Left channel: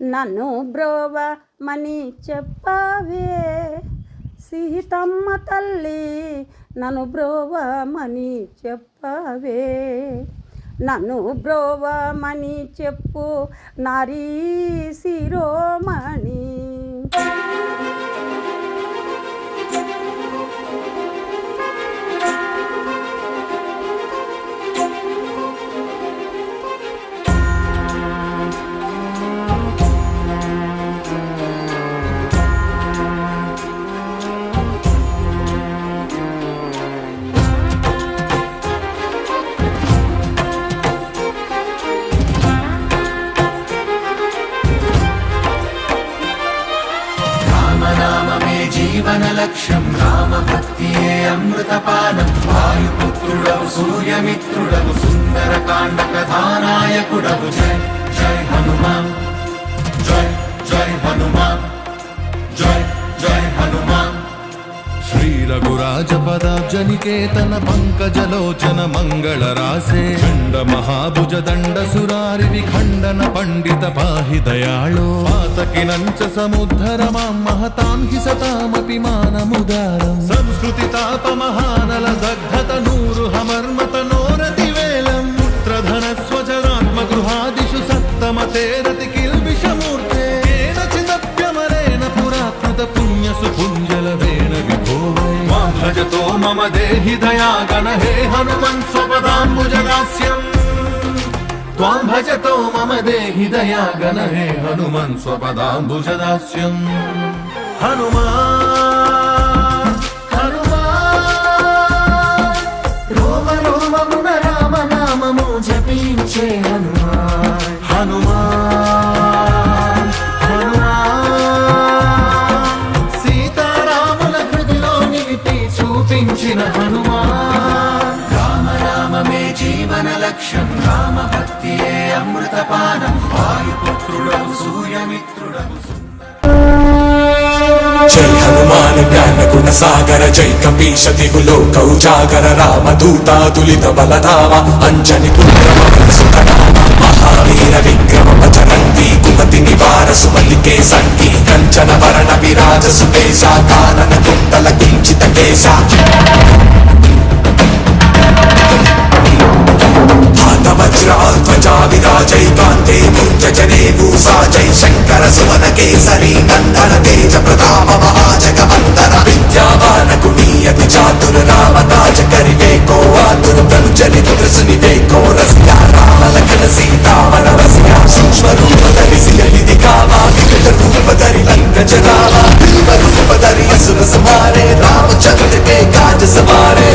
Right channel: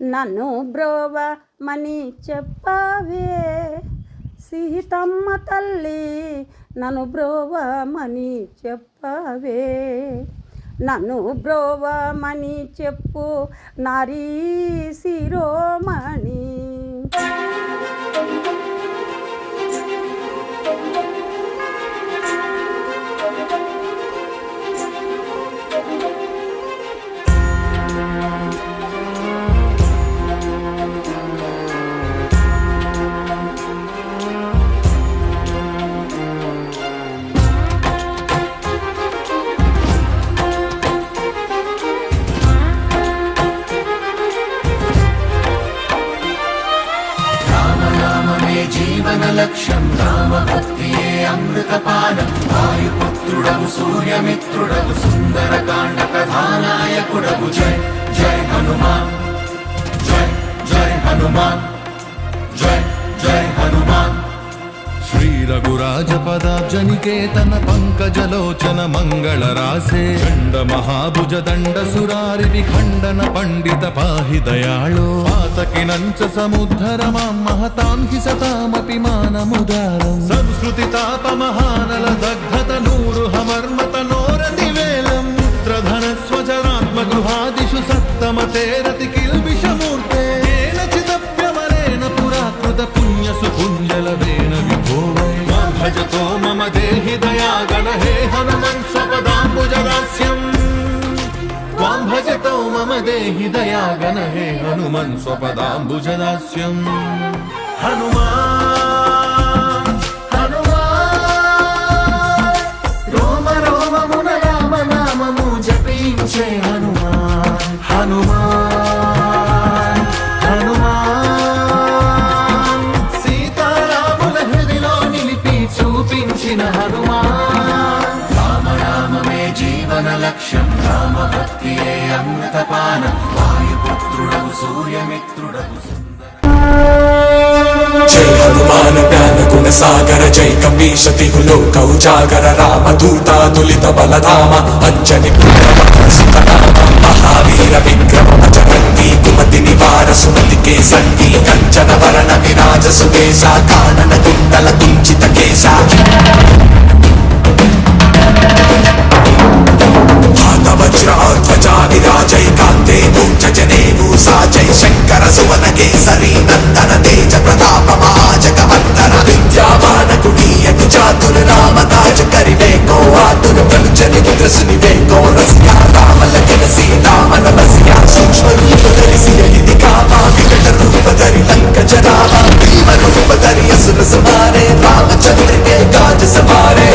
నన్ను బ్రోవమని చెప్పవే సీతమ్మ తల్లి, నన్ను బ్రోవమని చెప్పవే, నన్ను బ్రోవమని చెప్పు నారీ శిరోమణి. లక్ష్యం రామభక్తియే అమృతపానం, వాయుపుత్రుడవు సూర్యమిత్రుడవు సుందరకాండ కథానాయకుడవు. జై జై హనుమాన్, జై జై హనుమాన్, జై జై హనుమాన్. శ్రీ రఘురాజ పదాబ్జనికేతన పంకజలోచన మంగళ రాసే చండ మహాభుజ దండ సురారి విఖండన పండిత పాహి దయాళో. పాతకినంచ సముద్ధర మాం మహతాం హి సతామపి మానముదారం. సంస్కృతి తాప మహానల దగ్ధత నూరు హమర్మత నోరతి వేలం. పుత్రధన స్వజనాత్మ గృహాదిషు సత్తమ తేరతి కిల్బిషమూర్తే. చిదప్యమరేణ పురాకృత పుణ్య సుపుంజలవేణ విభోవై. మాం భజతో మమ దేహి దయాగణ హే హనుమన్ స్వపదాంబుజదాస్యం. త్వాం భజతో మమ దేహి దయాగణ హే హనుమన్ స్వపదాంబుజదాస్యం. హనుమాన్ హనుమాన్ రోమ రోమమున రామ నామము జపించే హనుమాన్. హనుమాన్ హనుమాన్ సీతారాముల హృదిలో నిలిపి చూపించిన హనుమాన్. రామ రామమే జీవన లక్ష్యం, రామ భక్తియే అమృతపానం, వాయుపుత్రుడవు సూర్యమిత్రుడవు. జై హనుమాన్ జ్ఞాన గుణ సాగర, జై కపీశతి లోకౌజాగర, రామదూతాదులిత బలధామ, అంజని పుత్రసుతనామ, మహావీర విక్రమ బజరంగి, కుమతి నివార సుమతికే సంగీ, కంచన వరణ విరాజ సుకేశ, కానన కుండల కుంచిత కేశ. వజ్రధ్వజా విరాజై కాంతే మూంజనే భూసా. జై శంకర సుమన కేసరి నందన తేజ ప్రతాప మహాజగవందన. విద్యావాన కుణీయతి చాతుర రామ కాజ కరివేకో ఆతుర ప్రలుచరి రుద్రసునివేకో. రస్యా రామలకన సీతామన వస్యా సూక్ష్మ రూప ధరిసియ ఇది కామా. వికట రూప ధరి లంక జనామా. భీమ రూప ధరి అసుర సమారే, రామచంద్ర కే కాజ సమారే.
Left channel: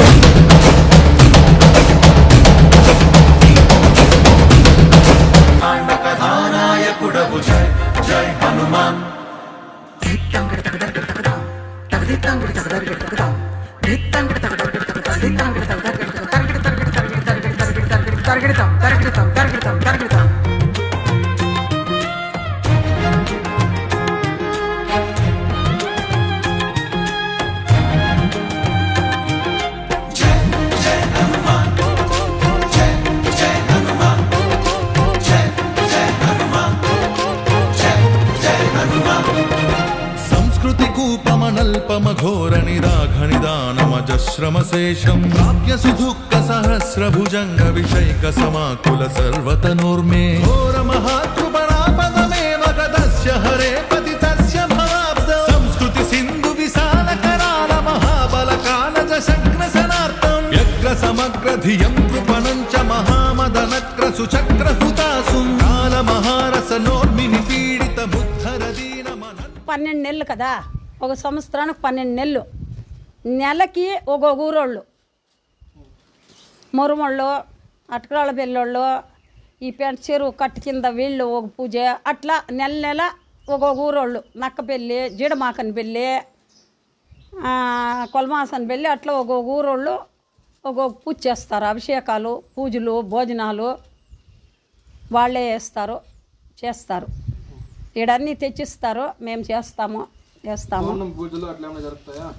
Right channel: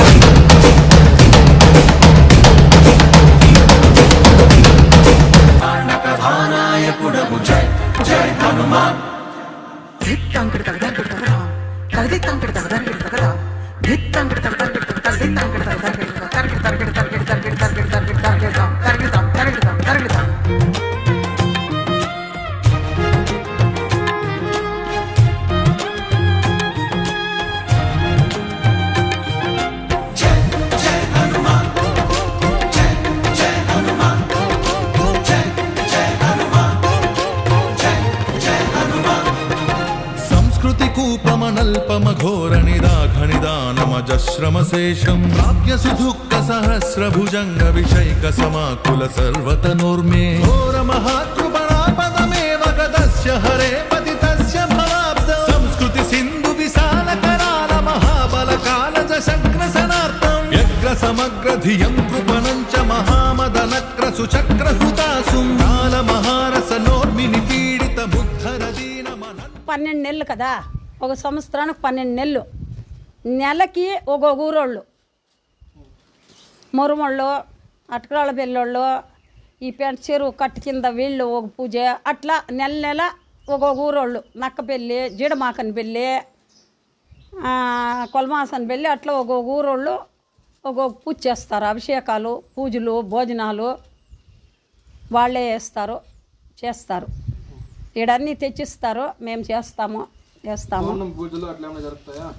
కూపమనల్పమఘోర నిదాఘనిదానమజశ్రమశేషం. ప్రాప్య సుదుఃఖ సహస్రభుజంగ విషైక సమాకుల సర్వతనోర్మే. ఘోర మహాకృపణాపదమేవ గదస్య హరే పతితస్య భవాబ్దం. సంస్కృతి సింధు విశాల కరాల మహాబల కాలజ శగ్రసనార్థం. వ్యగ్ర సమగ్ర ధియం కృపణం చ మహామదనక్ర సుచక్ర హృతాసుం. కాల మహారస నోర్మిని పీడిత ముద్ధర దీన మన. 12 నెలలు కదా, ఒక సంవత్సరానికి 12 నెలలు. నెలకి ఒక ఊరోళ్ళు, మురుమళ్ళు, అటకరాళ్ళ పెళ్ళోళ్ళు, ఈ పెంట చెరువు కట్టు కింద వీళ్ళు ఒక పూజ, అట్లా నెల నెల ఒక ఊరోళ్ళు. నక్కపెళ్ళి, జీడమాకని పెళ్ళి, కొలమాసని పెళ్ళి, అట్లా ఒక ఊరోళ్ళు ఒక పూజ చేస్తారు. అభిషేకాలు, పూజలు, భోజనాలు వాళ్ళే చేస్తారు. ఈడన్నీ తెచ్చిస్తారు, మేము చేస్తాము.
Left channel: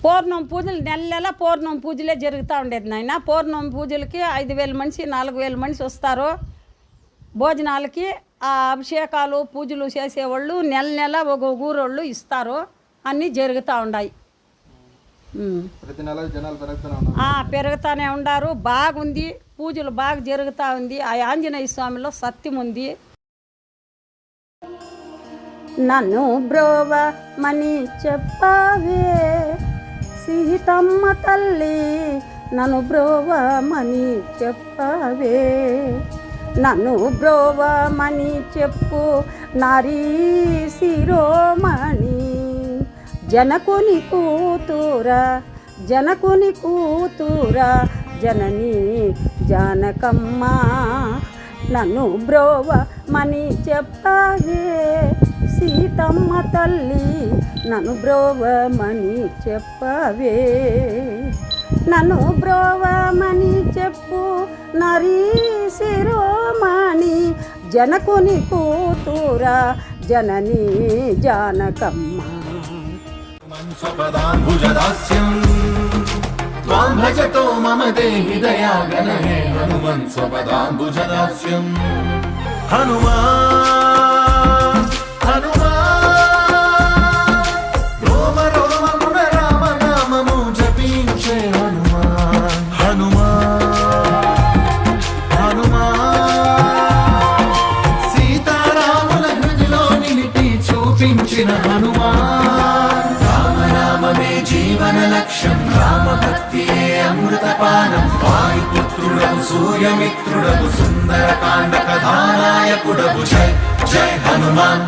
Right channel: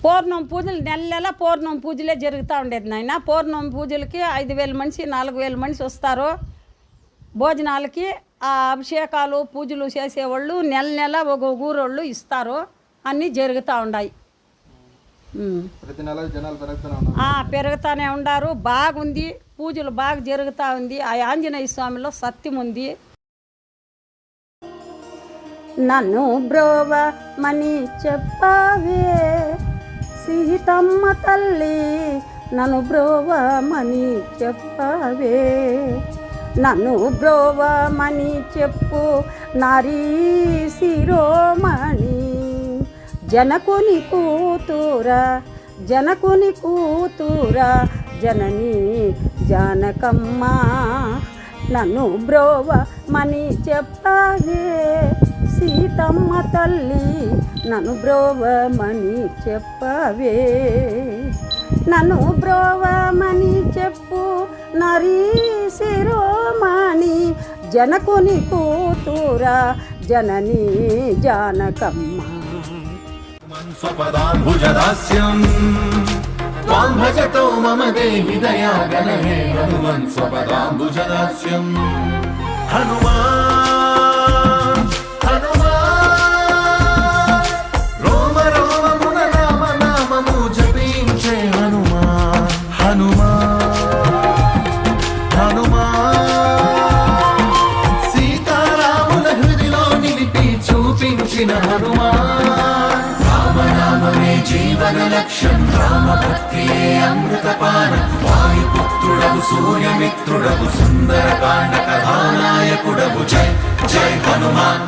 పౌర్ణమి పూజలు నెల నెల పౌర్ణమి పూజలే జరుగుతూ ఉండేది నాయన. పౌర్ణమి పూజలకి 5,000 మనిషి 4,000 మనిషి వస్తారు. భోజనాలకి ఆ అభిషేకాలు పూజలు చేసేవాళ్ళు నెల నెల ఒక ఊరోళ్ళు ఇస్తారు, అన్నీ జరుగుతూ ఉన్నాయి. ప్రతి నెల జనాలు పెరుగుతూనే ఉన్నారు. పెరుగుతూనే ఉండారు. బాగుంది, పూజలు బాగా జరుగుతూ ఉంది. ఆ ఆంజనేయ స్వామిలో సత్యం ఉంది. నన్ను బ్రోవమని చెప్పవే సీతమ్మ తల్లి, నన్ను బ్రోవమని చెప్పవే, నన్ను బ్రోవమని చెప్పు నారీ శిరోమణి, జనకుని కూతురా జనకుని కూతురా జనని జానకమ్మ, నన్ను బ్రోవమని చెప్పవే సీతమ్మ తల్లి, నన్ను బ్రోవమని చెప్పవే, నన్ను బ్రోవమని చెప్పు నరీ శిరోమణి, జనకుని కూతురా జనని జానకమ్మ. स्वपदाम्बुजदास्यम् त्वां भजतो मम देहि दयागण हे हनुमन् स्वपदाम्बुजदास्यम् हनुमान् हनुमान् रोम रोममुन राम नामము జపించే హనుమాన్ హనుమాన్ హనుమాన్ సీతారాముల హృదిలో నిలిపి చూపించిన హనుమాన్ రామనామమే జీవన లక్ష్యం రామభక్తియే అమృతపానం వాయుపుత్రుడవు సూర్యమిత్రుడవు సుందరకాండ కథానాయకుడవు జై జై హనుమాన్.